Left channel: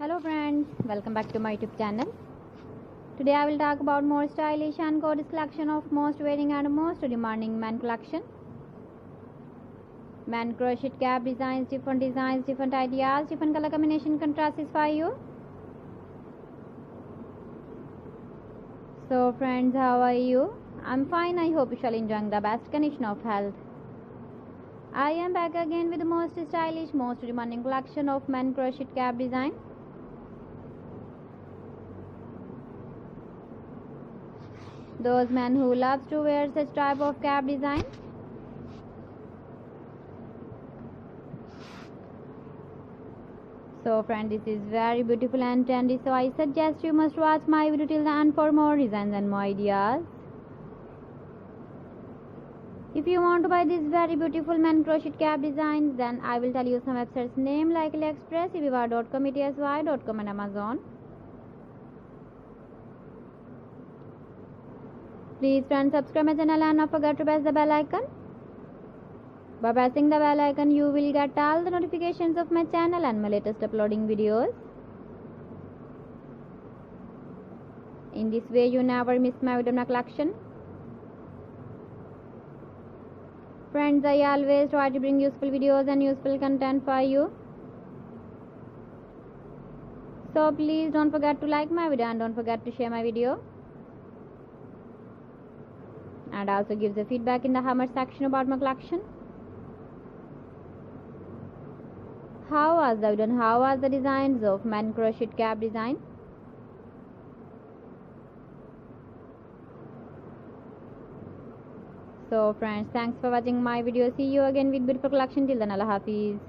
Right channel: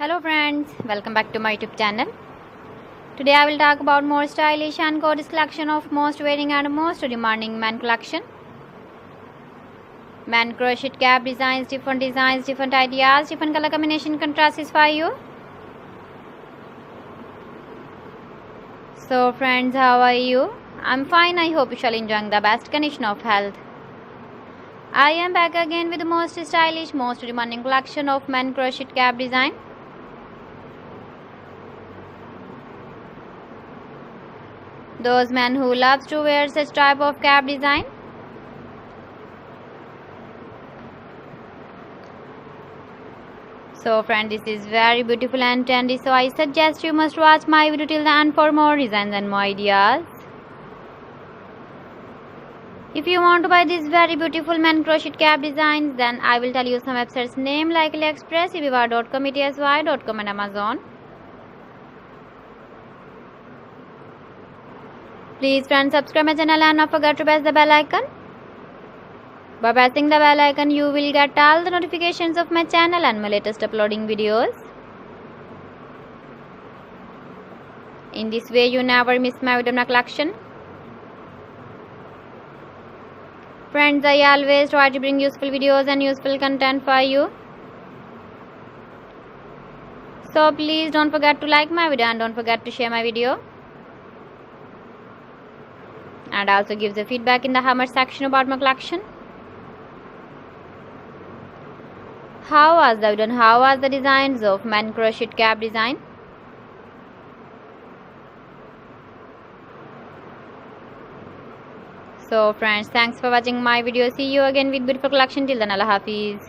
Hello friends, welcome back to my YouTube channel. Today I will talk about more stylish and gorgeous collection of most wearing and most demanding men collection. Men crochet cap designs, different ideas, different color combination contrasts for you. So friends, how are you? I'm fine. I hope you shall enjoying the best condition of health. I am back again with the most stylish, most demanding collection of men crochet cap design. Those men who loves to wear such type of cap design. So friend, this is very beautiful and trendy, so I suggest you must watch my video till the end for more designs and more ideas. If you want to buy these very beautiful men crochet cap designs, then I will tell you some websites name like AliExpress, eBay.com, etsy.com and Amazon. Please friends, subscribe my channel and not forget to press the bell icon. By pressing the bell icon, you will get all the notifications of my channel and my latest uploading videos. In this way, you never miss my video collection. Friends, I always try to bring useful videos and useful content for you. So please don't forget to like my video and don't forget to share my video. And also give the feedback in the comment section about my collection. How was the video and how was the designs of men crochet cap design? So friends, thanks for watching my video. See you again with beautiful collection. Till then, Allah Hafiz.